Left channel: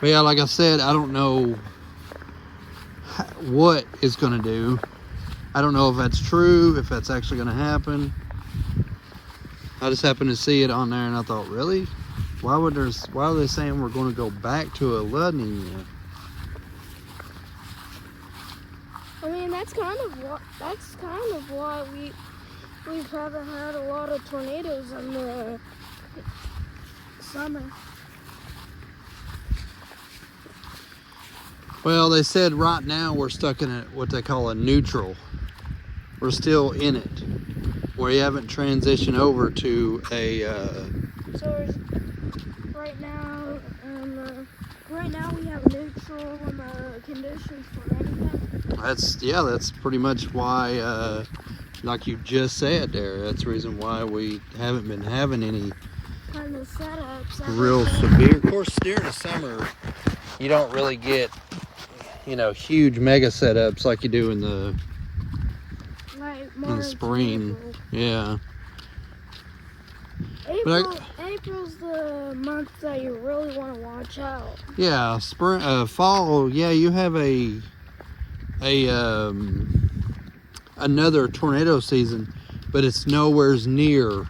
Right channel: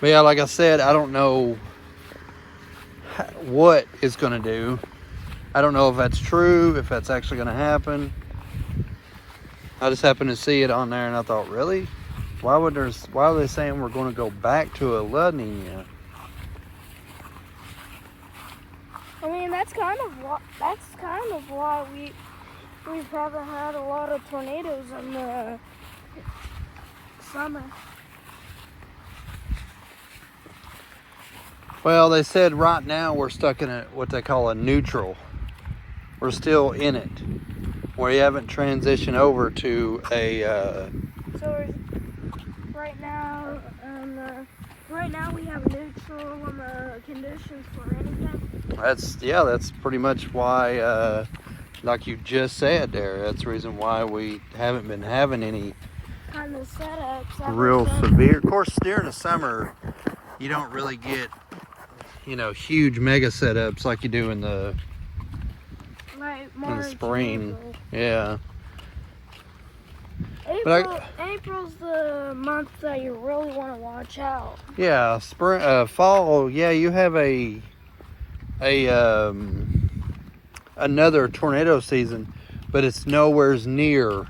But yeah, like I said, I don't know what it's going to do. I don't know if that's true, if that's actually going to happen. I just happened to see it on there and I thought, really? Why are they saying we're going to go back to a La Nina? I mean, that's kind of why we haven't had a lot of tornadoes in the summer. Well, they said right now we're stuck in what they call a neutral. We're still in it. We haven't transitioned over to a. So right now we have neutral conditions for anything. That's pretty much why, like you just said there. That's the reason why we haven't been having any Kind of setups. real severe. Of course, during the summer, you don't really get, huge mega setups like you do in the spring. Yeah. April's the month that you really want to watch out. Yeah, spring, fall. Yeah, you have another tornado season, but it's nowhere's near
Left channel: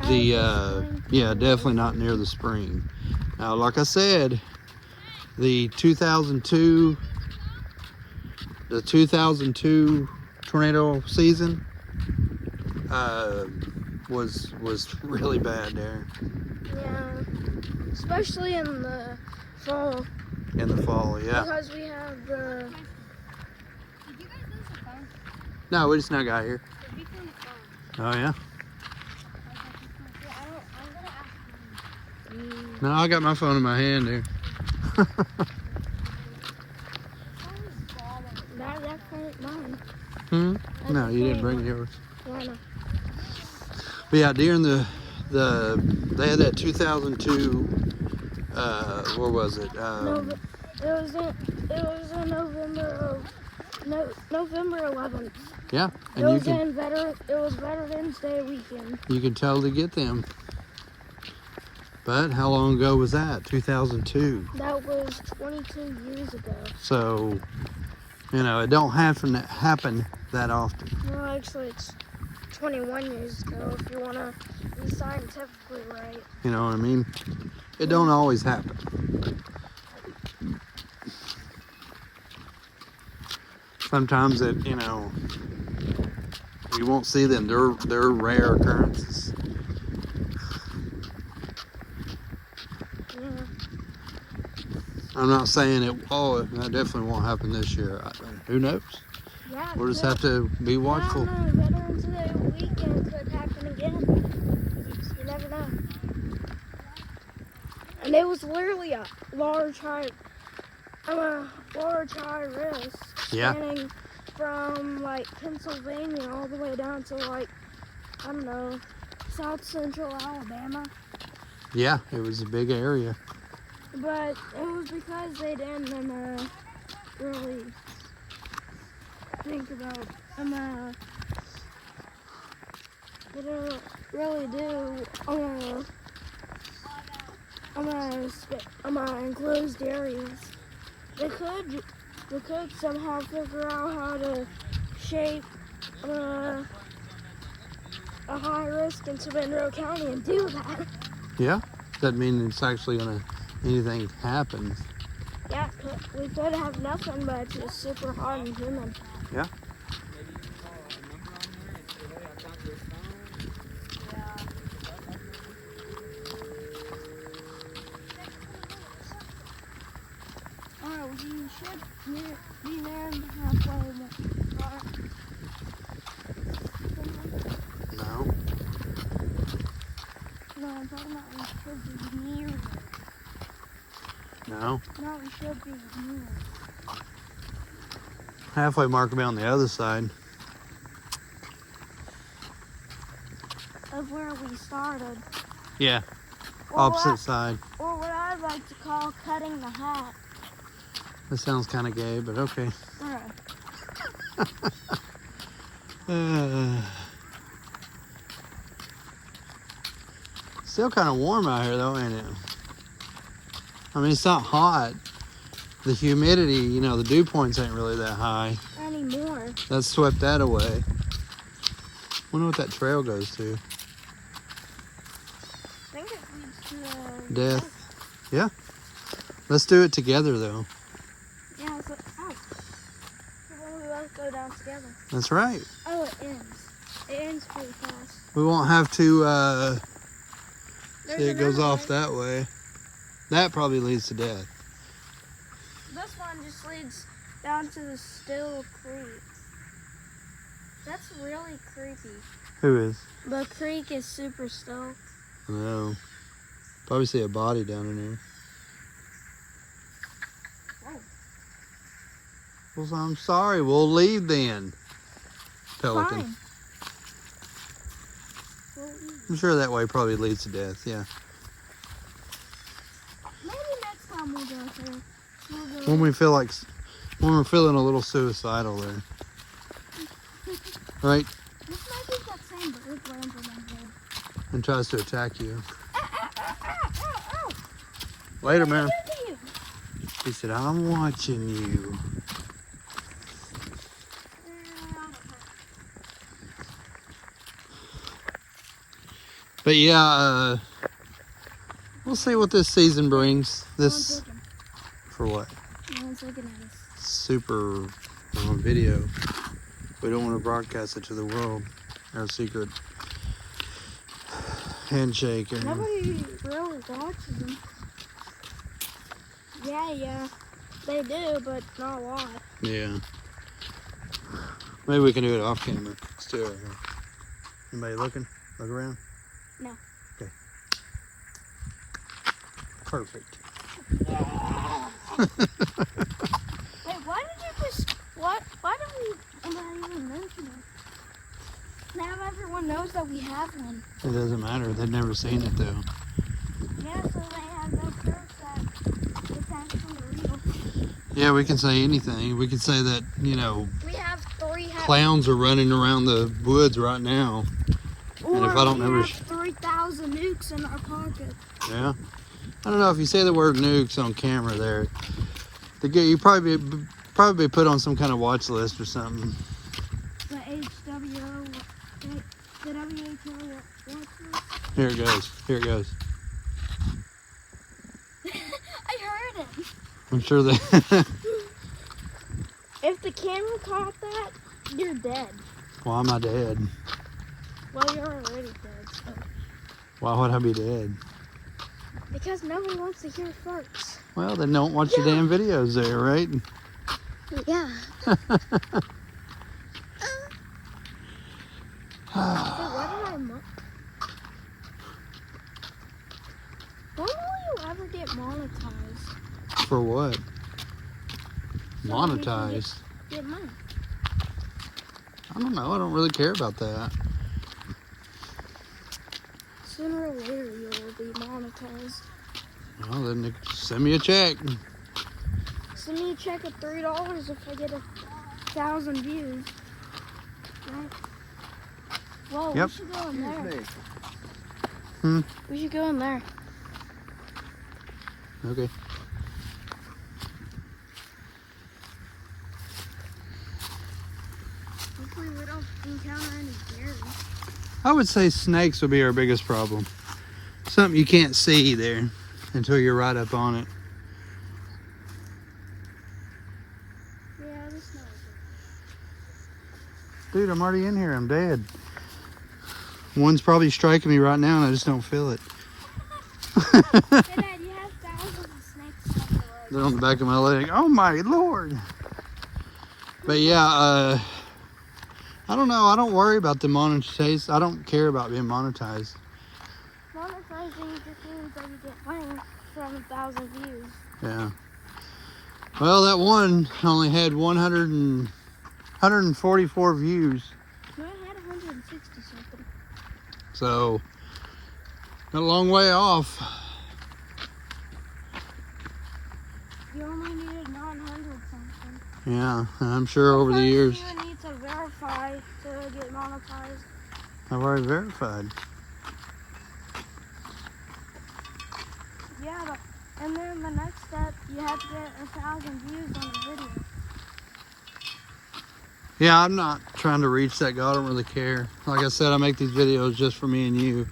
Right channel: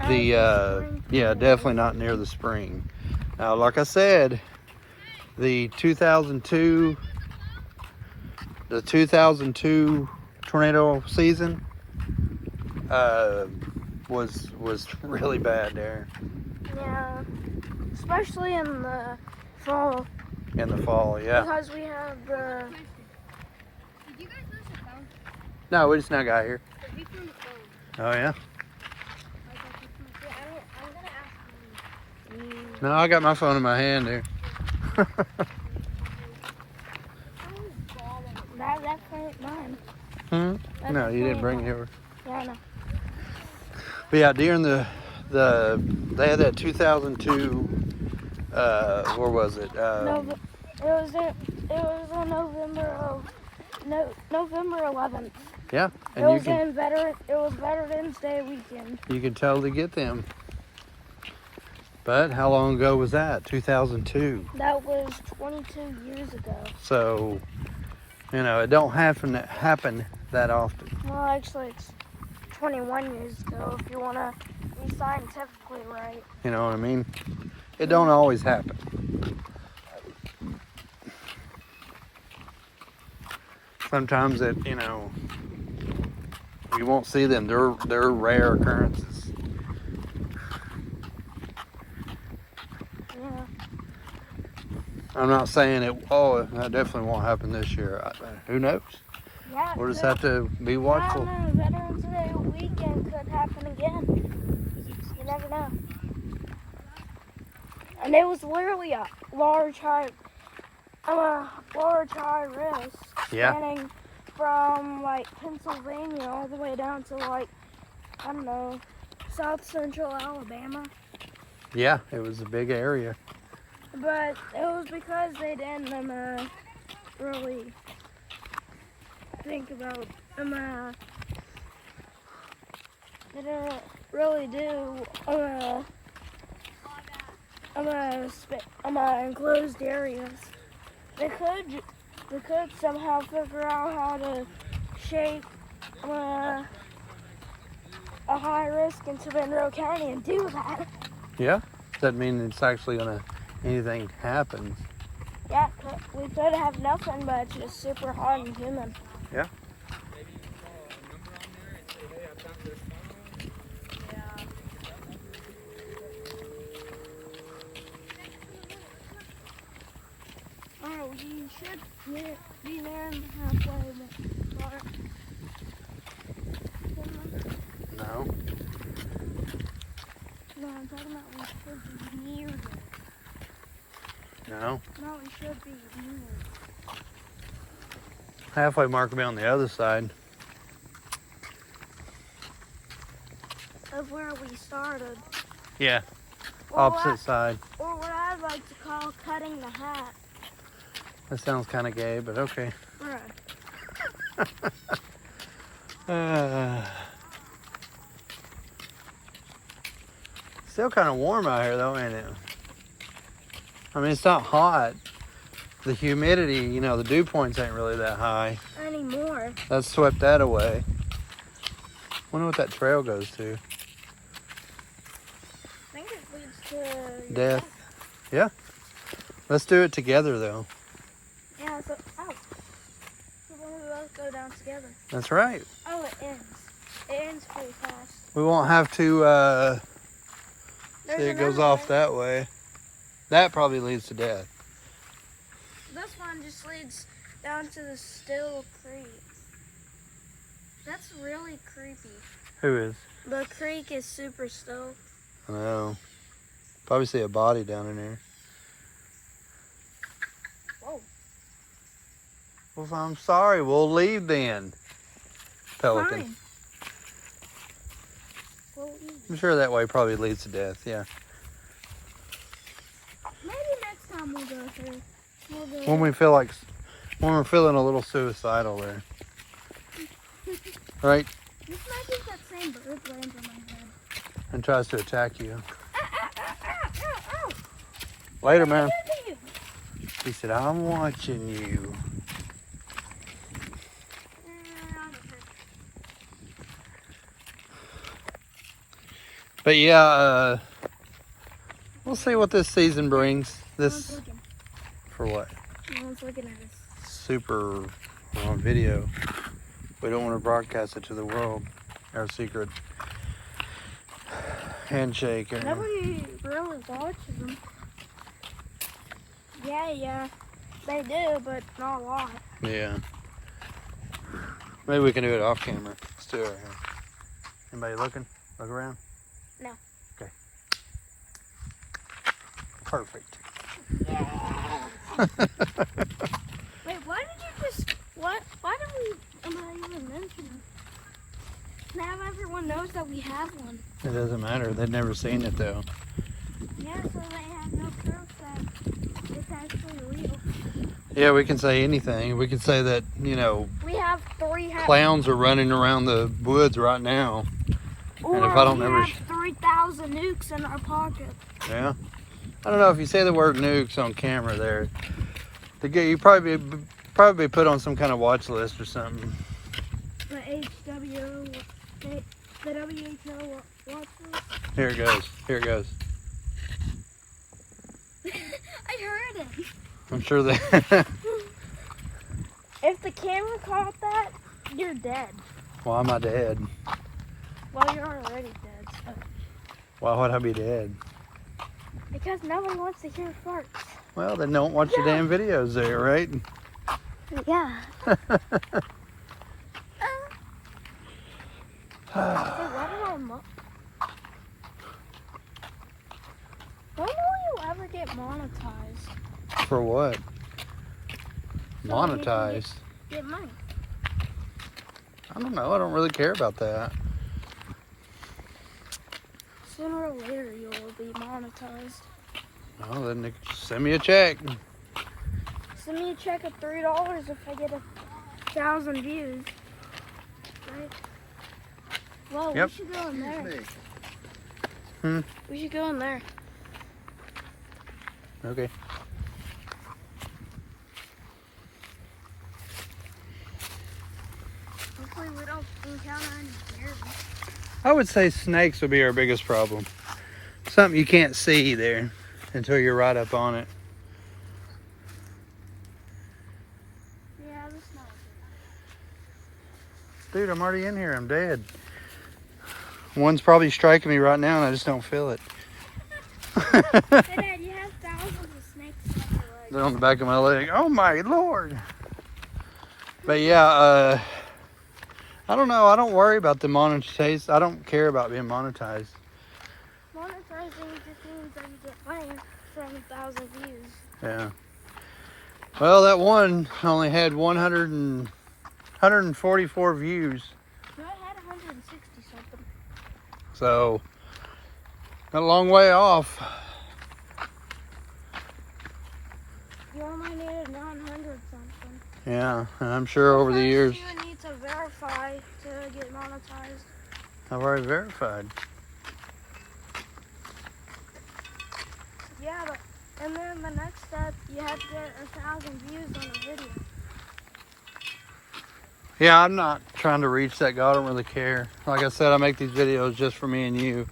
definitely not near the spring. Now, like I said, the 2002 tornado season was really bad there. Yeah, especially in the fall. In the fall, yeah. Because we have the. Did you guys lose the phone? No, we just now got here. We found the phone. Oh yeah. I'm gonna ask them. No, I got my phone in my hand here. That phone mine. No, you didn't bring yours. Yeah, no. But yeah, during they had that 2002. Where was it? It was in November 11th. Yeah, and it was Veterans Day weekend. You can totally get them. But how long ago was that? 2002. That was 22 years ago. So, it don't happen that often. Well, actually, it's 21 years ago if you want to be scientifically right. You know what I mean? It don't always happen. Sometimes you won't see them. They're rare occurrences. Yeah. I'm not saying that definitely won't happen this year. Who knows? Yeah, We'll just have to be watchful. Veterans Day weekend could happen again. You never know. And it was literally a large high risk. Yeah. Spanning from Pennsylvania all the way down to South Central Alabama. Yeah, it was a big area. But it was because they didn't really think about they didn't really do enclosed areas. They could somehow figure out how to shape a high risk in Savannah County and do that. Yeah, doesn't mean it's actually anything happens. Yeah, we could have nothing, but it's just super hot and humid. Yeah. Alright, we should be there in the halfway mark. No. No, I'm talking about we should be near there. No. No, we should be near. Halfway mark will be on the other side. Of where we started. Yeah. Or Opposite side. Or what I like to call cutting the hat. That sounds kind of gay, but okay. Alright. Still kind of warm out here though, ain't it? I mean, it's not hot. The humidity, you know, the dew points ain't really that high. Anymore. That swept that away. Wonder what that trail goes to. I think it leads to Death. Yeah. Let's do it together, though. Yeah, so ow. So then we both go down together. That's right. Oh, it ends. It ends pretty fast. We won't have to There's see it goes another off one. that way. That probably leads to death. This one just leads down to the Still Creek. That's really creepy. Who is? The creek is super still. I don't know. Probably see a body down in there. Whoa. Well, I'm sorry. We'll leave then. Pelican. Fine. We'll eat. I'm sure that way probably leads to death. Yeah. Maybe next time we'll go through. We'll go When we feel like, when we're feeling a little suicidal there. Right? This might be that same bird lands on my head. And tries to attack you. Ow. Later, What man. did I do to you? He said, I'm watching you. But yeah, we'll see what this season brings. No one's This, looking. for what? No one's looking at us. Super on video. We don't want to broadcast it to the world. Our secret handshake. And Nobody really watches them. Yeah, they do, but not a lot. yeah. Maybe we can do it off camera. Let's do it right here. Anybody looking? Look around? No. Okay. Perfect. Wait, why did you just, why did we, am I even mention it? Now everyone knows that we have one. It doesn't matter. They've never seen it though. Yeah, so they have no proof that it's actually real. Yeah, we can say anything. We can say that, you know, We have three clowns are running around the woods right now. or if I don't we ever- have 3,000 nukes in our pocket. Yeah. I don't know if you say the word nukes on camera there. You probably be put on some kind of watch list or something. The WHO, the WHO watch list. Here it goes. Here it goes. I heard it. I'm sure that. If the camera caught that, you're dead. Why am I dead? Well, you're already dead. So. Why would I be dead? Because nobody wants to hear farts. Well, then don't watch the damn videos there, right? Yeah. When will you ever get monetized? For what? So you can Monetized? Get money. I don't know. I don't really care about that. Sooner or later, you will be monetized. Well, then they just send me a check. Send me a check of $3 if I get 1,000 views. Right? Whoa, Yep. we should go in there. Hmm. We should go in there. Okay. Hopefully we don't encounter any bears. I would say snakes would be our biggest problem. Something you can't see there until you're right up on it. Yeah, I'm just not. Dude, I'm already in here. I'm dead. One's probably striking me right now and I just don't feel it. Hey, Dad, you have thousands of snakes on your legs. They're on the back of my leg. Oh my Lord. But yeah, I don't know. I don't worry about the monetization. I don't care about being monetized. Monetizing just means that you get money from 1,000 views. Yeah. Well, that one only had 144 views. No, I had 160 something. So, a long way off. You only needed 900 something. Yeah, and I'm sure over the years, You need to verify to get monetized. I've already verified. Yeah, but And then the next step, you have to get 1,000 views on the video. Yeah, I'm not trying to reach that goal. I don't really care. Like I said, I make these videos just for me and you.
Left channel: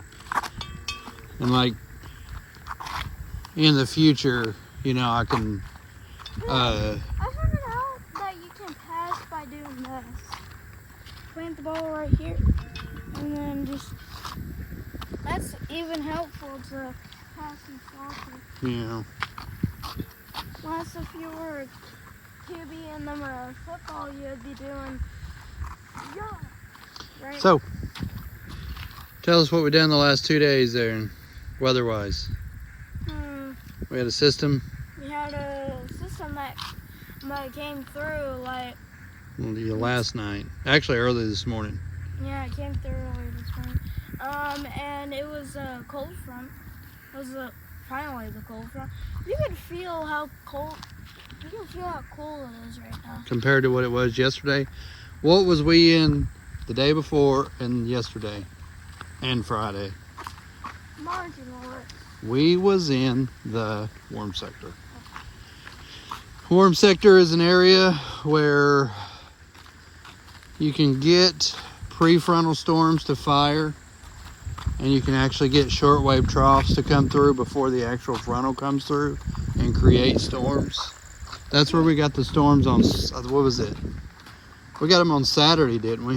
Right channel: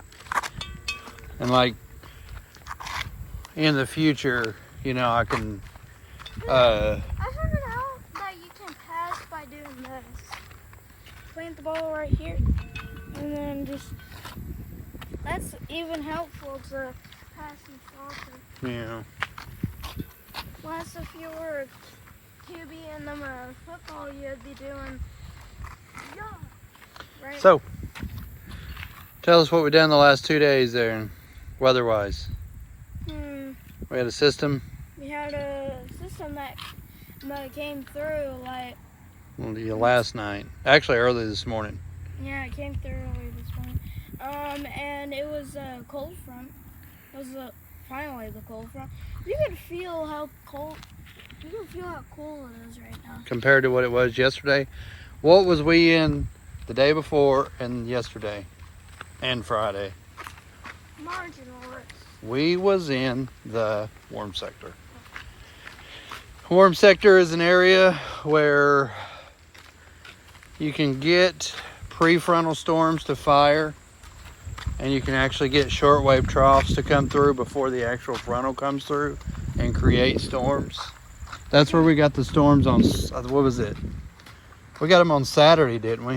And like in the future, you know, I can I figured out that you can pass by doing this. Plant the ball right here, and then just, that's even helpful to pass and soccer. you know. Unless if you were QB in the football, you'd be doing, right? So, tell us what we done the last 2 days there, weather-wise. We had a system. We had a system that came through, like, Last night. Actually, early this morning. yeah, it came through early this morning. And it was a cold front. It was finally the cold front. You can feel how cold. You can feel how cool it is right now. Compared to what it was yesterday. What was we in the day before and yesterday and Friday? Marginal risk. We was in the warm sector. Warm sector is an area where you can get prefrontal storms to fire, and you can actually get shortwave troughs to come through before the actual frontal comes through and create storms. That's where we got the storms on, what was it? We got them on Saturday, didn't we?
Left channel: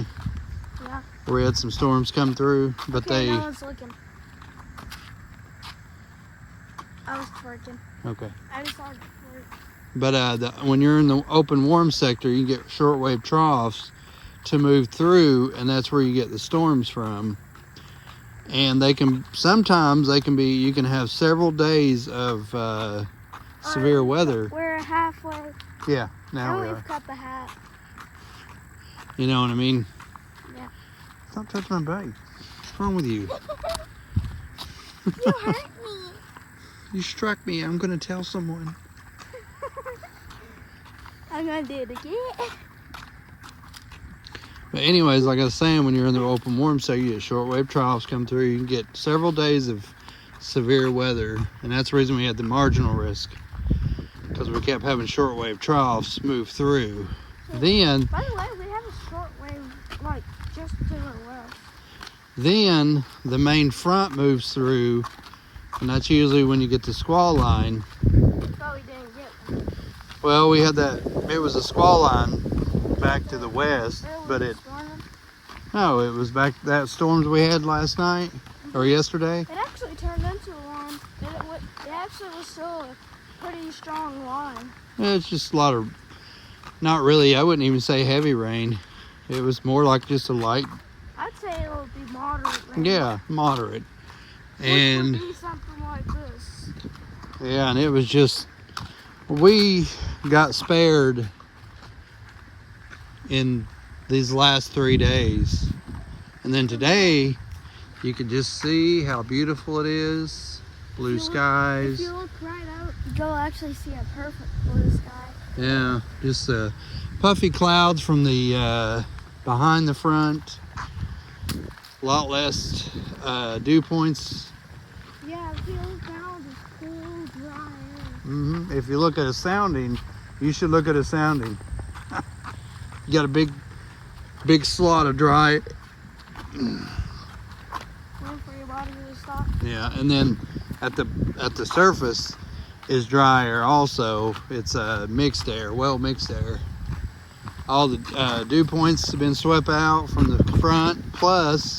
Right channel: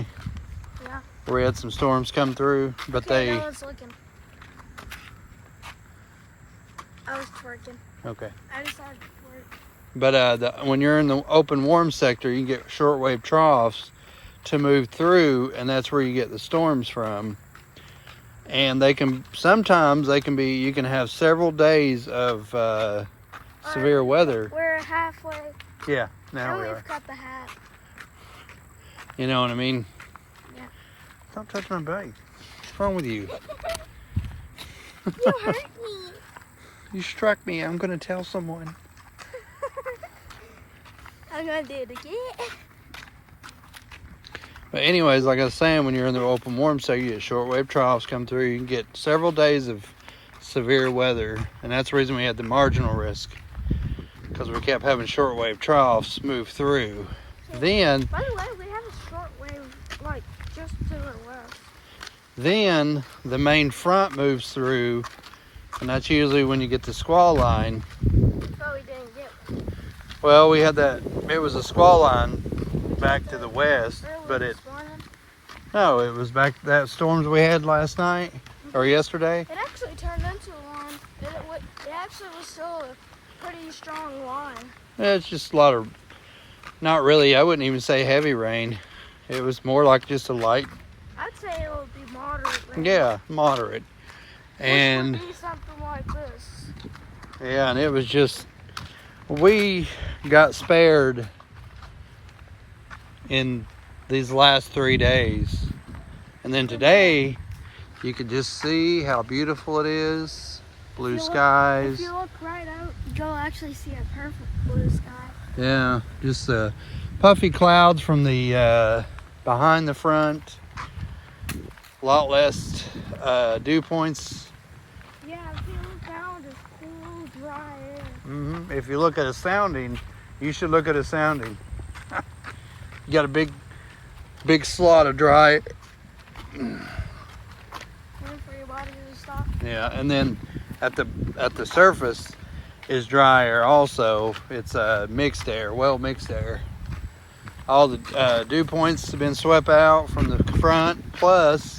Yeah. Where we had some storms come through, but Okay, they... no one's looking. I was twerking. Okay. I decided to twerk. But when you're in the open warm sector, you get shortwave troughs to move through, and that's where you get the storms from. And they can, sometimes they can be, you can have several days of severe weather. We're halfway. Yeah, now we We've are. cut the hat. You know what I mean? Yeah. Stop touching my bike. What's wrong with you? You hurt me. You struck me. I'm going to tell someone. I'm gonna do it again. But anyways, like I was saying, when you're in the open warm sector, you get shortwave troughs come through. You can get several days of severe weather, and that's the reason we had the marginal risk, because we kept having shortwave troughs move through. Then, By the way, we have a short wave, like, just to the west. then the main front moves through, and that's usually when you get the squall line. But we didn't get one. Well, we had that, it was a squall line back to the west, but it, no, it was back that storms we had last night or yesterday. It actually turned into one. It actually was still a pretty strong line. Yeah, it's just a lot of, not really, I wouldn't even say heavy rain. It was more like just a light, I'd say it would be moderate rain. yeah, moderate. And It would be something like this. yeah, and it was just, we got spared in these last 3 days. And then today, you could just see how beautiful it is. Blue skies. If you look right out, you'll actually see a perfect blue sky. Yeah, just puffy clouds from the behind the front. A lot less dew points. Yeah, if you look down, it's cool, dry air. If you look at a sounding, you should look at a sounding. You got a big slot of dry. Room for your body to stop. Yeah, and then at the surface is dry air also. It's mixed air, well mixed air. All the dew points have been swept out from the front, plus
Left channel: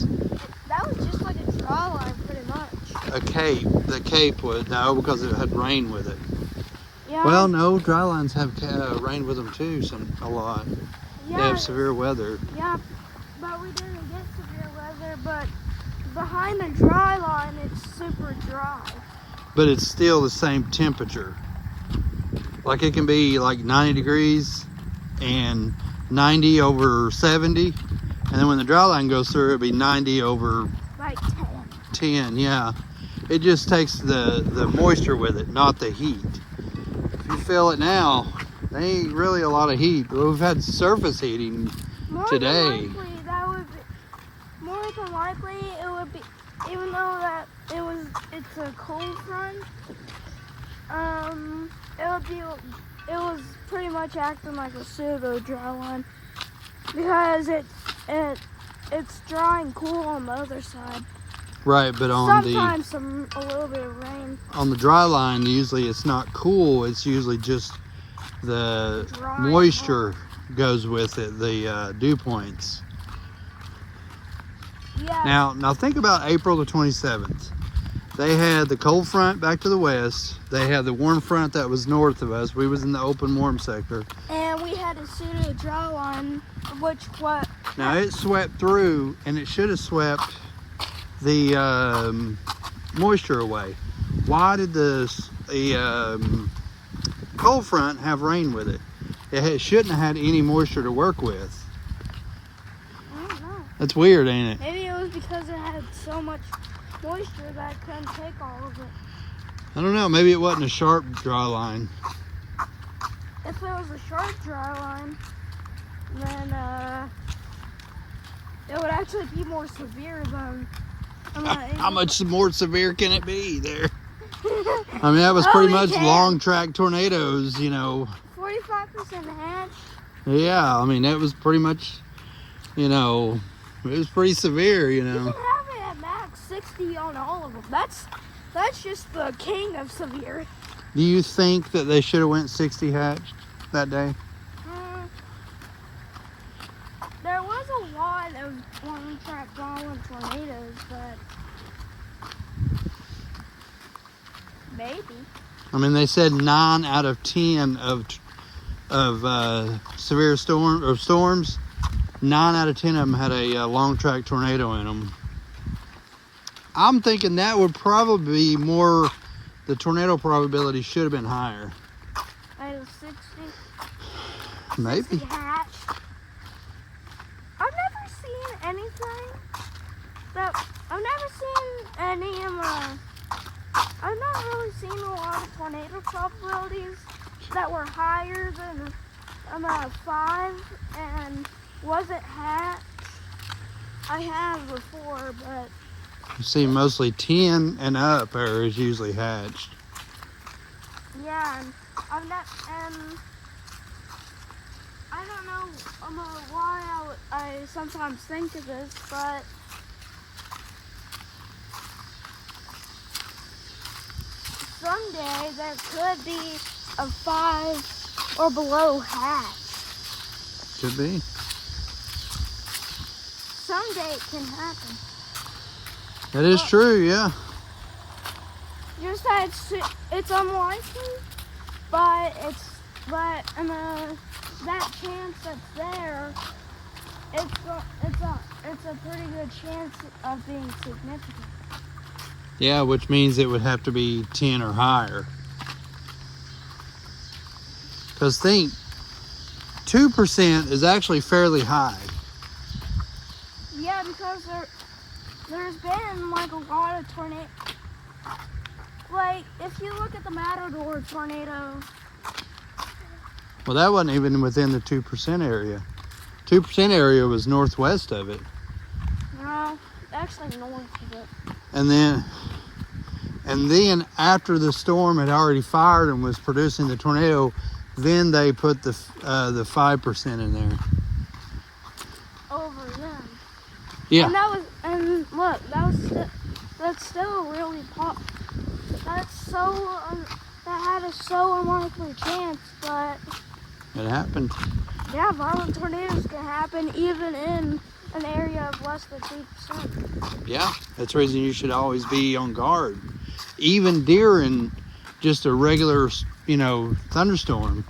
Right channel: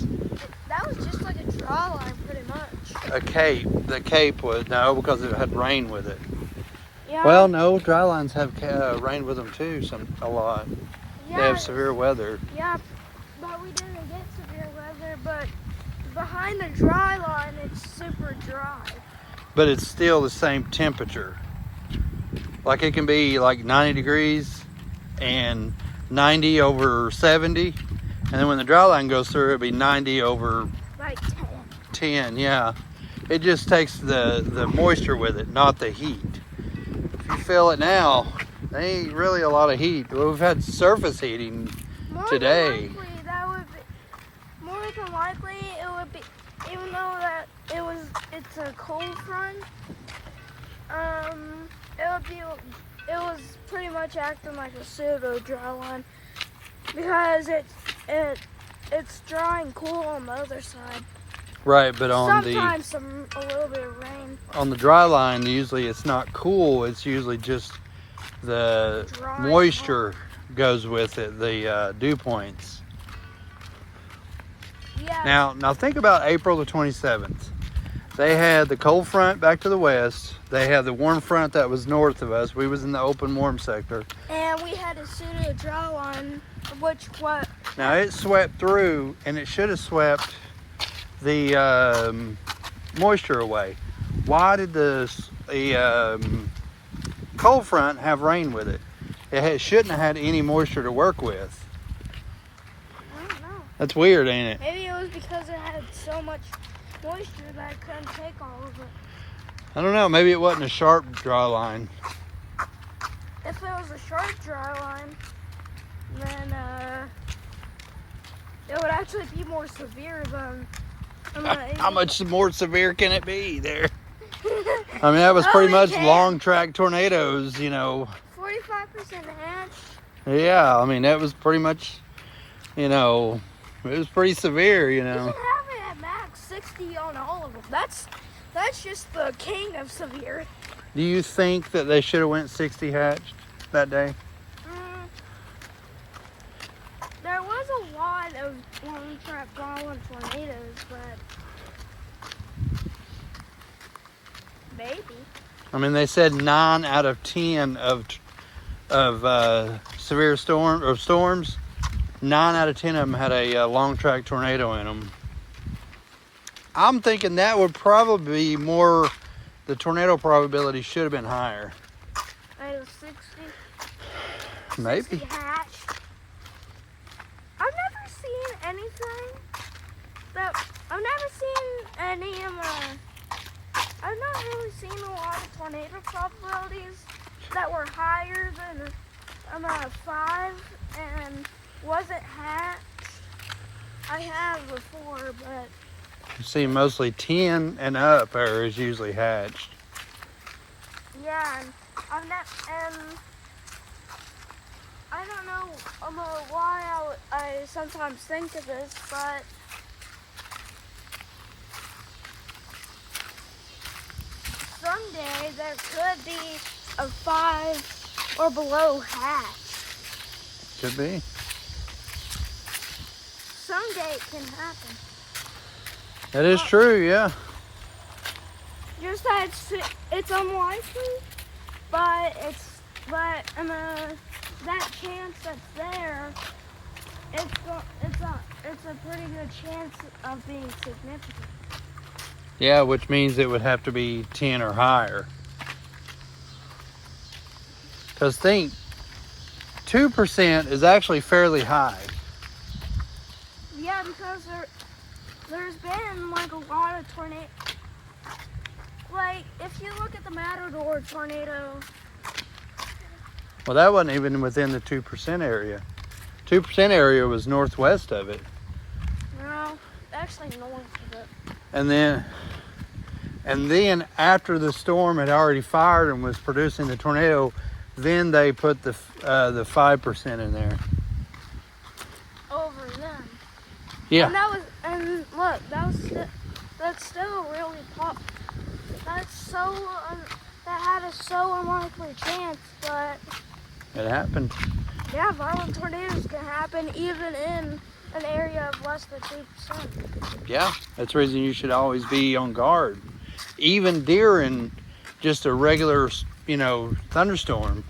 That was just like a draw line, pretty much. a cape. The cape was, no, because it had rain with it. Yeah. Well, no, dry lines have rain with them too, a lot. yeah, They have severe weather. yeah, but we didn't get severe weather. But behind the dry line, it's super dry. But it's still the same temperature. Like it can be like 90 degrees and 90 over 70. And then when the dry line goes through, it'll be 90 over Like 10. 10, yeah. It just takes the moisture with it, not the heat. If you feel it now, there ain't really a lot of heat. We've had surface heating today. More than likely, it would be, even though that it's a cold front, It was pretty much acting like a pseudo dry line because it's dry and cool on the other side. Right, but on Sometimes a little bit of rain. On the dry line, usually it's not cool. It's usually just the Dry moisture goes with it, the dew points. Yeah. Now think about April the 27th. They had the cold front back to the west. They had the warm front that was north of us. We was in the open warm sector. And we had a pseudo dry line, what? Now it swept through, and it should have swept the moisture away. Why did the cold front have rain with it? Shouldn't have had any moisture to work with. I don't know. That's weird, ain't it? Maybe it was because it had so much moisture that it couldn't take all of it. I don't know. Maybe it wasn't a sharp dry line. If it was a sharp dry line, then it would actually be more severe than. How much more severe can it be there? I mean, that was pretty much long track tornadoes, 45% hatch. Yeah, I mean, that was pretty much, it was pretty severe, You can have it at max 60 on all of them. That's just the king of severe. Do you think that they should have went 60 hatched that day? There was a lot of long-track violent tornadoes, but maybe. I mean, they said 9 out of 10 of severe storms. 9 out of 10 of them had a long track tornado in them. I'm thinking that would probably be more. The tornado probability should have been higher. Out of 60. Maybe. 60 hatch. I've never seen anything that I've never seen any I've not really seen a lot of tornado probabilities that were higher than 5 and wasn't hatched. I have before, but You see, mostly 10 and up is usually hatched. yeah, and I don't know why I sometimes think of this, but someday there could be a 5 or below hatch. Could be. Someday it can happen. That is true, yeah. Just that it's unlikely, but that chance that's there, it's a pretty good chance of being significant. Yeah, which means it would have to be 10 or higher. Because think, 2% is actually fairly high. Yeah, because there's been like a lot of tornadoes. Like if you look at the Matador tornado. Well, that wasn't even within the 2% area. 2% area was northwest of it. No, actually north of it. And then after the storm had already fired and was producing the tornado, then they put the 5% in there. Over them. Yeah. And look, that's still a really that had a so unlikely chance, but It happened. yeah, violent tornadoes can happen even in an area of less than 2%. Yeah, that's the reason you should always be on guard, even during just a regular, thunderstorm,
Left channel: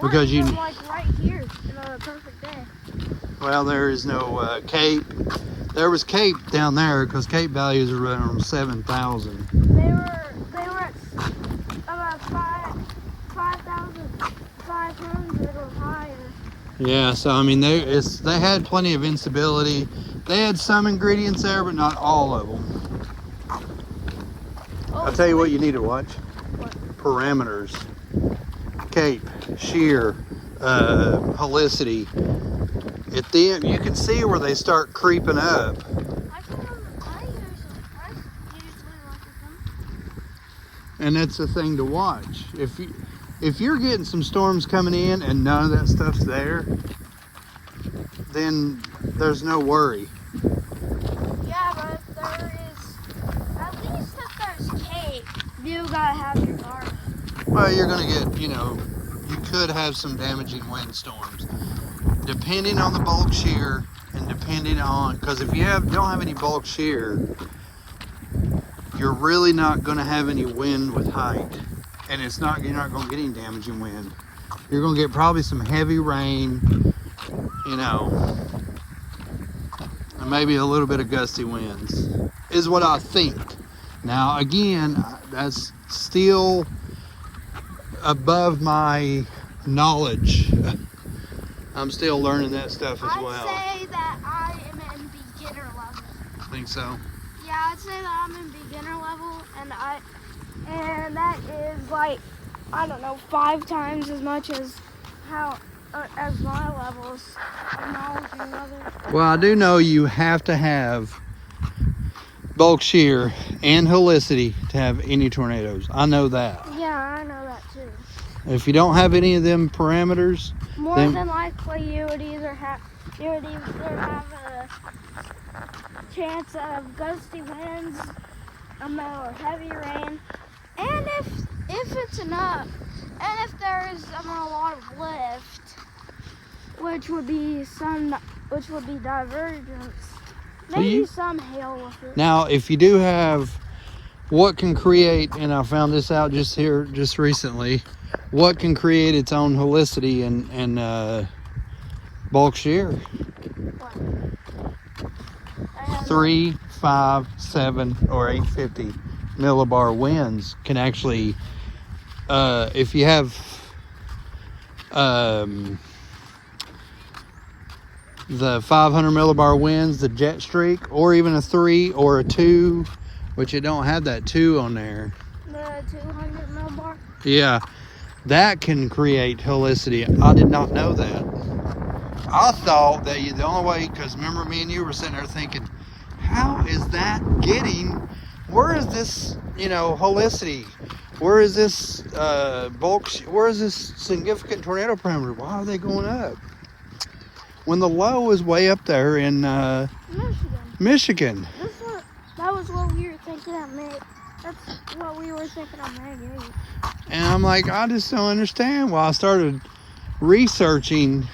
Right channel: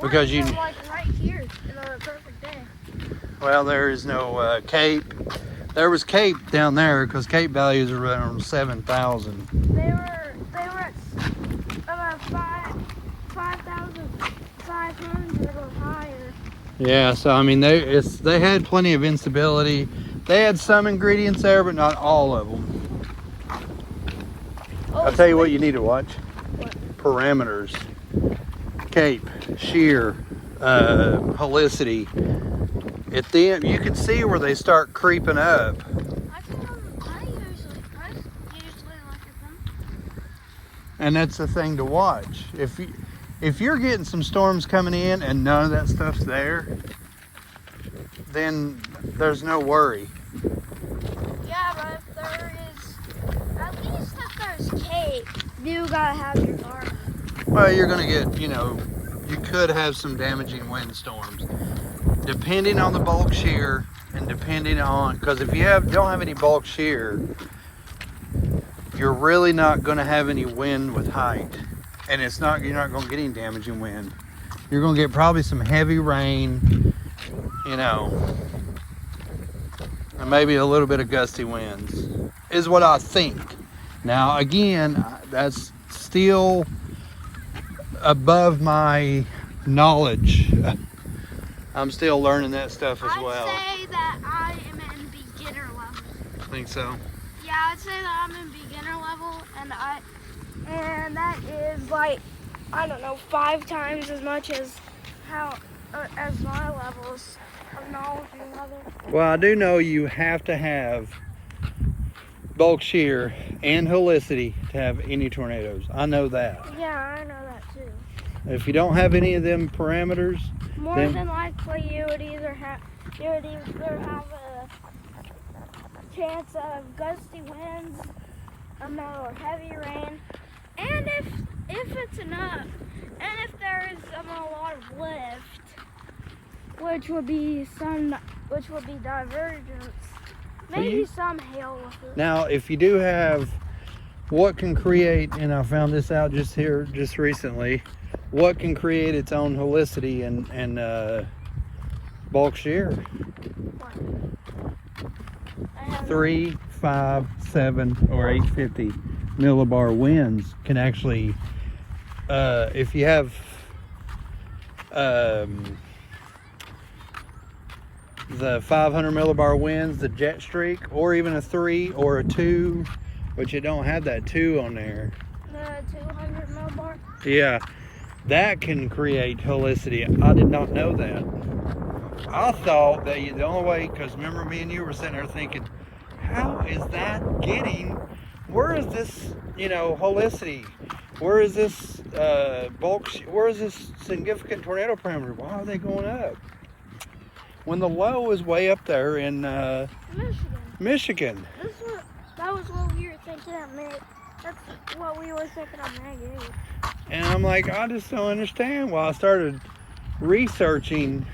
because you. Like right here, a perfect day. Well, there is no Cape. There was Cape down there because Cape values are around 7,000. They were at about 5,500 or higher. Yeah, so I mean they had plenty of instability. They had some ingredients there, but not all of them. I'll tell you what you need to watch. What? Parameters. Cape, shear, helicity. At them, you can see where they start creeping up. I usually look at them. And that's the thing to watch. If you're getting some storms coming in and none of that stuff's there, then there's no worry. Yeah, but if there is, at least if there's cake, you gotta have your guard. Well, you're gonna get, you could have some damaging windstorms, depending on the bulk shear and depending on, because if you don't have any bulk shear, you're really not gonna have any wind with height, and you're not gonna get any damaging wind. You're gonna get probably some heavy rain, and maybe a little bit of gusty winds, is what I think. Now, again, that's still above my knowledge. I'm still learning that stuff as well. I'd say that I am in beginner level. I think so. Yeah, I'd say that I'm in beginner level, and that is like, I don't know, 5 times as much as as my levels of knowledge and weather. Well, I do know you have to have bulk shear and helicity to have any tornadoes. I know that. Yeah, I know that too. If you don't have any of them parameters, More then than likely, you would either have a chance of gusty winds, or heavy rain, and if it's enough, and if there is a lot of lift, which would be divergence, maybe some hail with it. now if you do have, what can create, and I found this out just recently, what can create its own helicity and bulk shear? 3, 5, 7, or 850 millibar winds can actually, if you have the 500 millibar winds, the jet streak, or even a 3 or a 2, which you don't have that 2 on there. The 200 millibar. Yeah, that can create helicity. I did not know that. I thought that the only way, because remember me and you were sitting there thinking, how is that getting, where is this, helicity? Where is this bulk, where is this significant tornado parameter? Why are they going up? When the low is way up there in Michigan. That was what we were thinking of May. That's what we were thinking of May. And I'm like, I just don't understand. Well, I started researching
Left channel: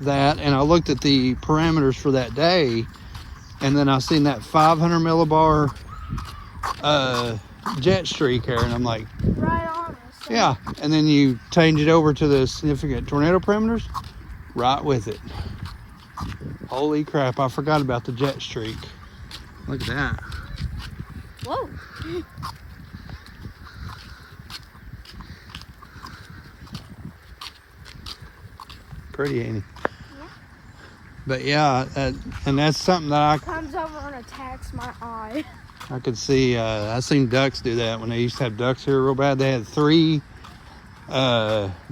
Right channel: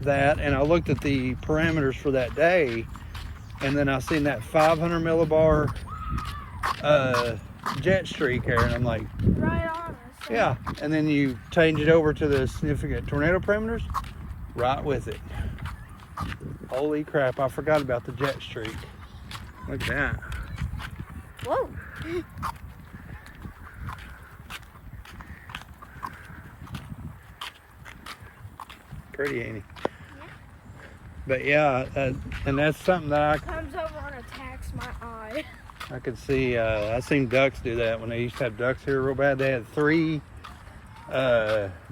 that, and I looked at the parameters for that day, and then I seen that 500 millibar jet streak there, and I'm like, Right on us. yeah. And then you change it over to the significant tornado parameters, right with it. Holy crap, I forgot about the jet streak. Look at that. Whoa. Pretty, ain't it? Yeah. But yeah, and that's something that Comes over and attacks my eye. I could see. I seen ducks do that when they used to have ducks here real bad. They had 3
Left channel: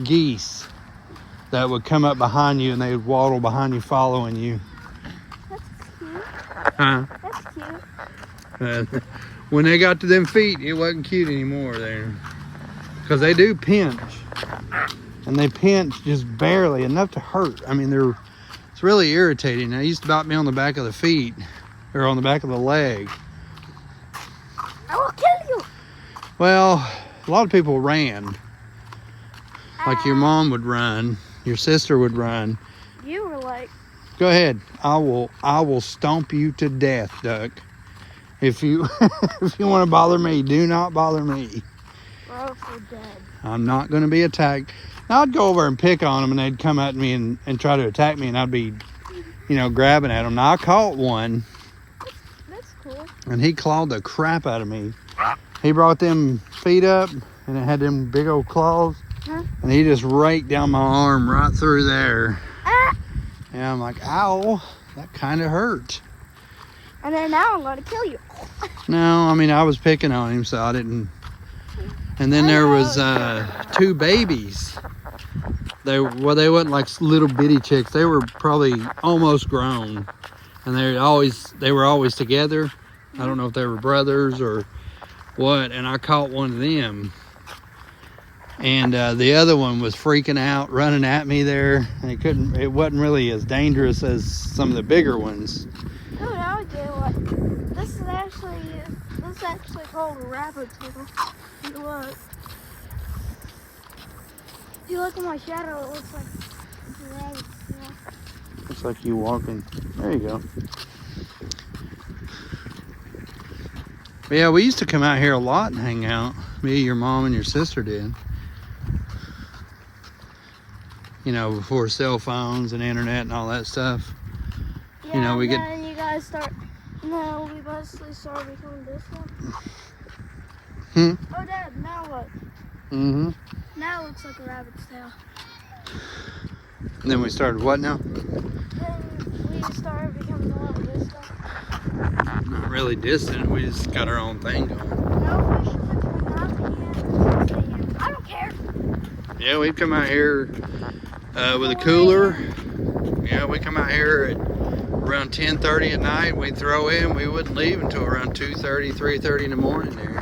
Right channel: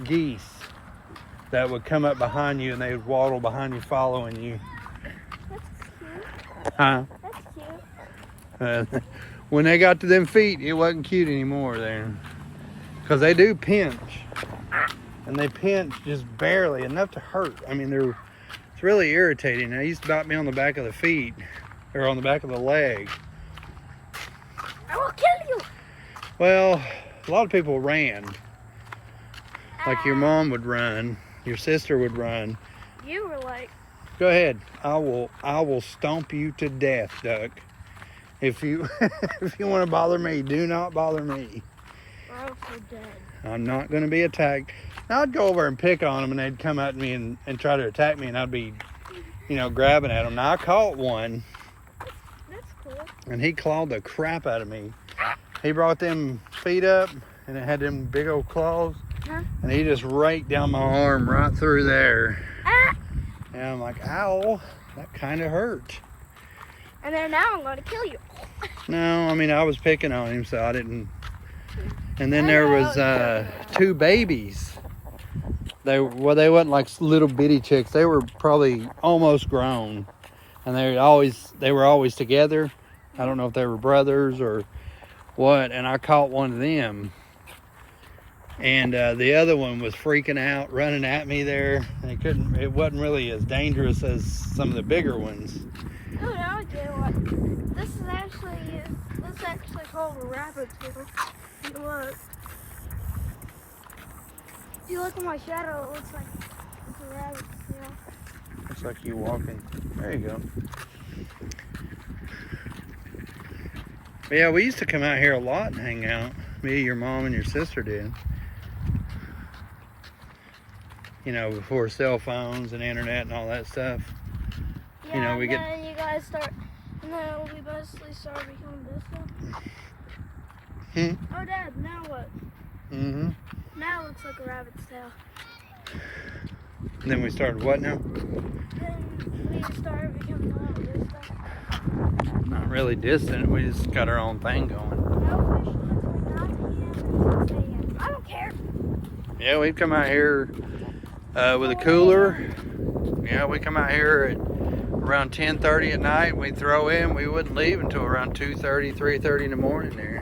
geese that would come up behind you, and they would waddle behind you, following you. That's cute. Huh? That's cute. When they got to them feet, it wasn't cute anymore there, because they do pinch, and they pinch just barely enough to hurt. I mean, it's really irritating. They used to bite me on the back of the feet, or on the back of the leg. I will kill you. Well, a lot of people ran, like your mom would run, your sister would run. You were like, Go ahead. I will stomp you to death, Duck. If you if you want to bother me, do not bother me. or else you're dead. I'm not going to be attacked. Now, I'd go over and pick on them, and they'd come at me and try to attack me, and I'd be, grabbing at them. Now, I caught one, That's cool. and he clawed the crap out of me. He brought them feet up, and it had them big old claws, Huh? and he just raked down my arm right through there. Ah! And I'm like, ow, that kind of hurt. And then now I'm going to kill you. No, I mean, I was picking on him, so I didn't. And then there was 2 babies. They wasn't like little bitty chicks. They were probably almost grown, and they were always together. I don't know if they were brothers or what, and I caught one of them. And the other one was freaking out, running at me there. And it wasn't really as dangerous as some of the bigger ones. Oh, now I get what. This is actually called a rabbit tail. Look. If you look at my shadow, it looks like it's a rabbit tail. Looks like you walking. There you go. But yeah, we used to come out here a lot and hang out. Me, your mom, and your sister did. You know, before cell phones and internet and all that stuff. Yeah, You know, we then you guys start. No, we mostly started becoming distant. Oh, Dad, now look. Mm-hmm. Now it looks like a rabbit's tail. And then we started what now? Then we started becoming a little distant. Not really distant. We just got our own thing going. No fish coming out again. I don't care. Yeah, we'd come out here with a cooler. Yeah, we come out here at around 10:30 at night. We'd throw in. We wouldn't leave until around 2:30, 3:30 in the morning there.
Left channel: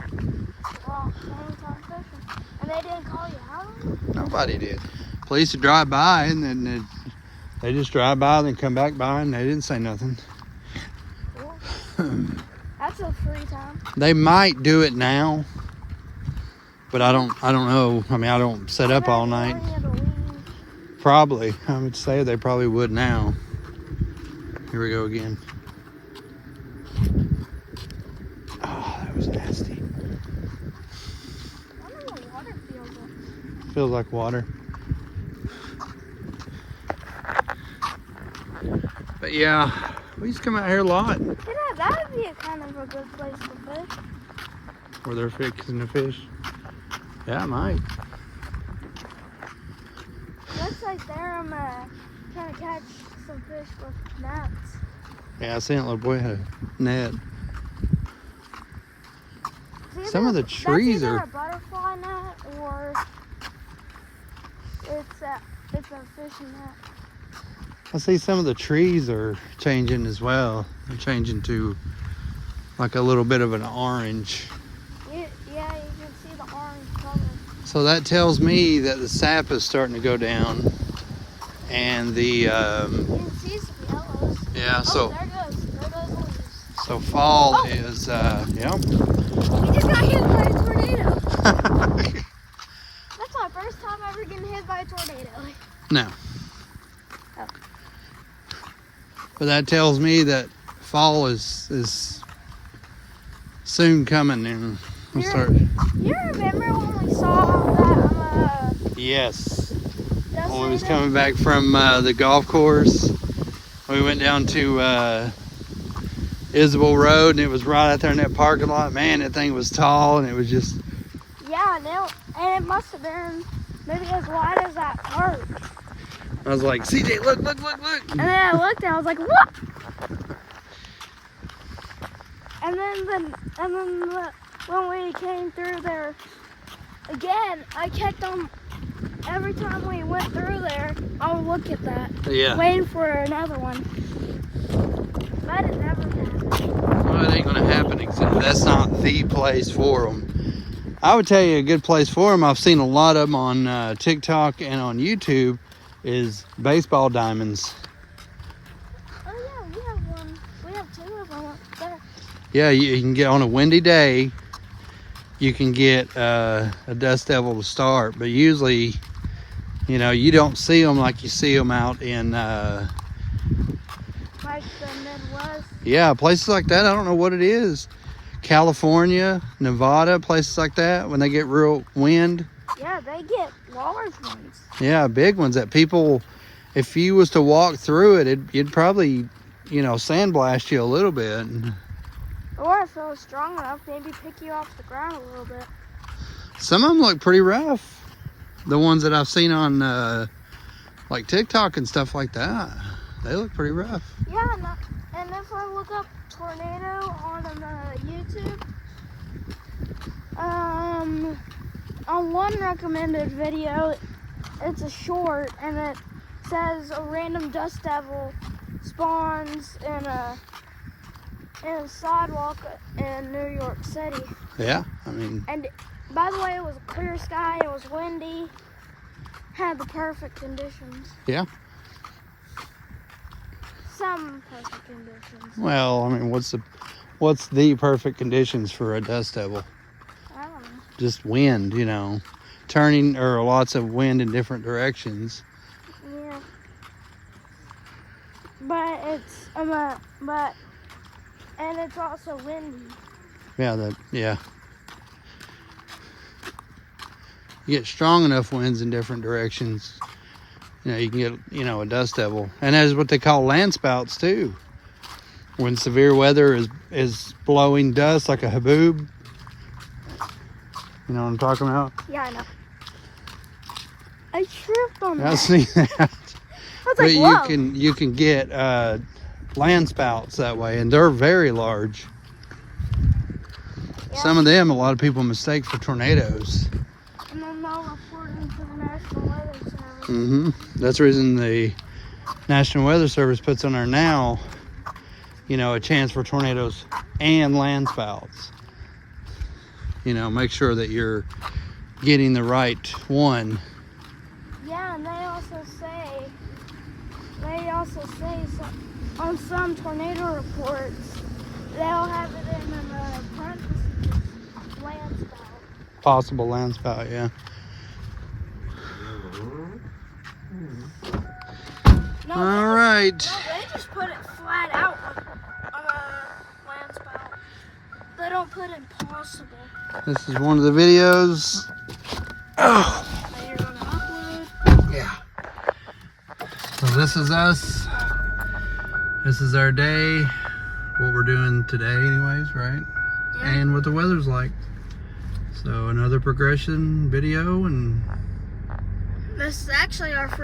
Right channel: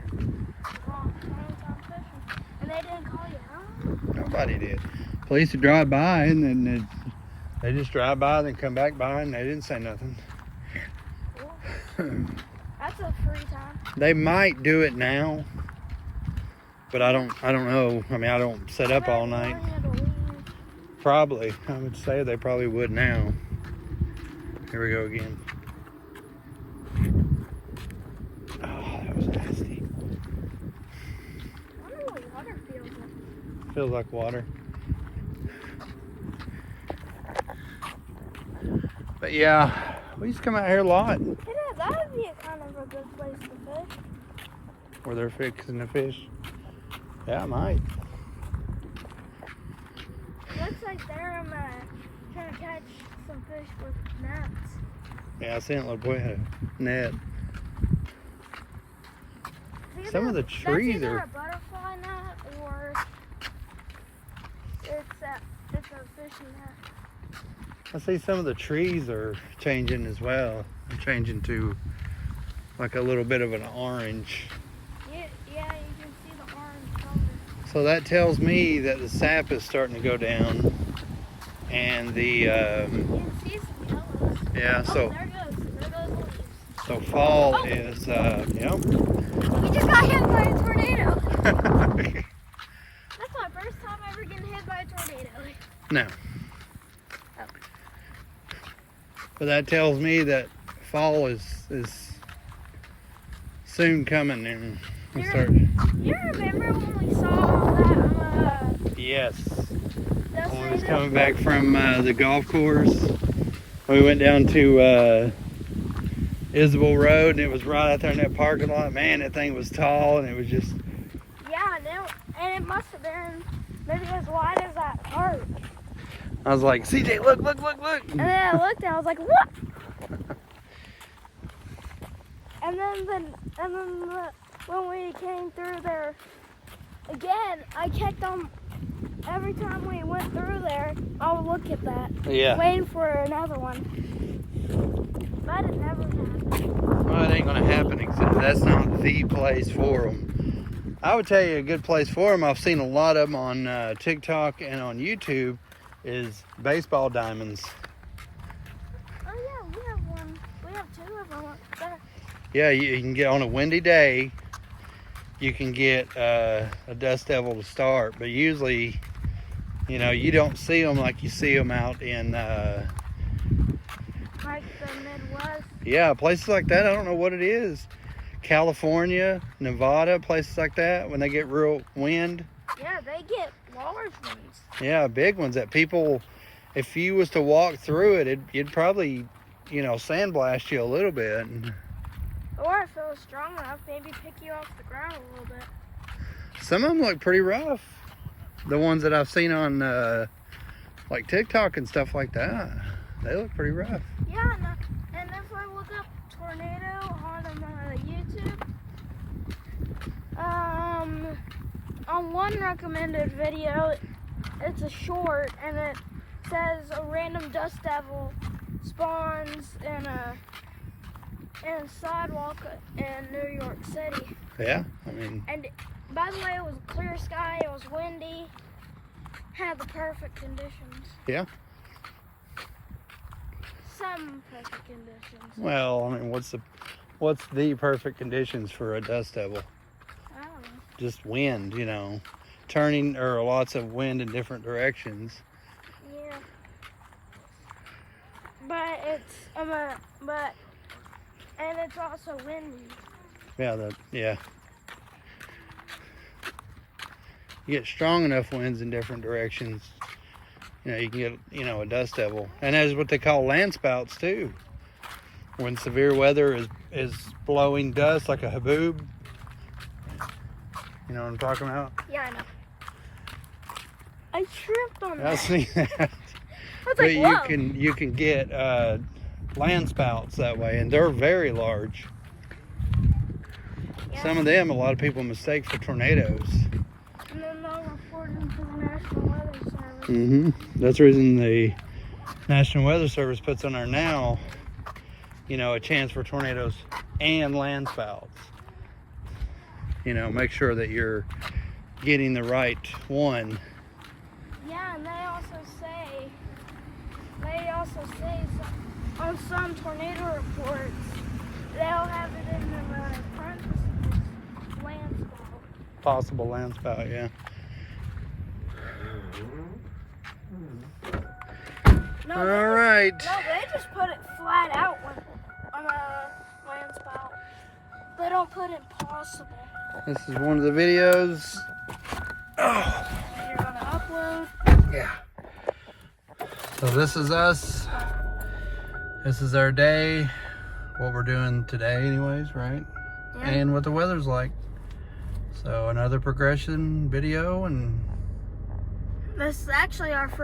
Wow, anytime fishing. And they didn't call you out? Nobody did. Police would drive by, and then they just drive by, then come back by, and they didn't say nothing. That's a free time. They might do it now, but I don't know. I mean, I don't set up all night. Probably. I would say they probably would now. Here we go again. Oh, that was nasty. I don't know what water feels like. Feels like water. But yeah, we used to come out here a lot. Yeah, that would be a kind of a good place to fish. Where they're fixing the fish. Yeah, it might. Looks like they're trying to catch some fish with nets. Yeah, I seen that little boy had a net. Some of the trees that's either are. a butterfly net or it's a fishing net. I see some of the trees are changing as well. They're changing to like a little bit of an orange. Yeah, you can see the orange color. So that tells me that the sap is starting to go down, and the You can see some yellows. yeah. So There goes leaves. so fall is yep. We just got hit by a tornado. That's my first time ever getting hit by a tornado. No. But that tells me that fall is soon coming, and we'll start. You remember when we saw that Yes. Dustin When we was coming back from the golf course, we went down to Isabel Road, and it was right out there in that parking lot. Man, that thing was tall, and it was just. Yeah, and it must have been maybe as wide as that park. I was like, CJ, look. And then I looked and I was like, what? And then when we came through there again, I kept on, every time we went through there, I would look at that, Yeah. waiting for another one. But it never happened. Well, it ain't gonna happen. That's not the place for them. I would tell you a good place for them. I've seen a lot of them on TikTok and on YouTube. Is baseball diamonds. Oh yeah, we have one. We have two of them up there. Yeah, you can get on a windy day. You can get a dust devil to start, but usually, you know, you don't see them like you see them out in. Like the Midwest. Yeah, places like that. I don't know what it is. California, Nevada, places like that. When they get real wind. Yeah, they get large ones. Yeah, big ones that people, if you was to walk through it, it'd probably, you know, sandblast you a little bit. Or if it was strong enough, maybe pick you off the ground a little bit. Some of them look pretty rough. The ones that I've seen on like TikTok and stuff like that, they look pretty rough. Yeah, and if I look up tornado on YouTube, on one recommended video, it's a short, and it says a random dust devil spawns in a sidewalk in New York City. Yeah, I mean, And by the way, it was a clear sky, it was windy, had the perfect conditions. yeah. Some perfect conditions. Well, I mean, what's the perfect conditions for a dust devil? I don't know. Just wind, you know, turning, or lots of wind in different directions. Yeah. But it's and it's also windy. Yeah. You get strong enough winds in different directions, you know, you can get, you know, a dust devil. And that is what they call land spouts too. When severe weather is blowing dust like a haboob. You know what I'm talking about? Yeah, I know. I tripped on I that. see that. I was But like, whoa. you can get land spouts that way, and they're very large. Yeah. Some of them, a lot of people mistake for tornadoes. And then they'll report them to the National Weather Service. Mm-hmm. That's the reason the National Weather Service puts on there now, you know, a chance for tornadoes and land spouts. You know, make sure that you're getting the right one. Yeah, and they also say on some tornado reports, they'll have it in the parentheses, land spout. Possible land spout, yeah. No, All right. No, they just put it flat out on a land spout. They don't put in possible. This is one of the videos. Oh, And you're gonna upload. yeah. So this is us. This is our day. What we're doing today anyways, right? Yeah. And what the weather's like. So another progression video, and This is actually our first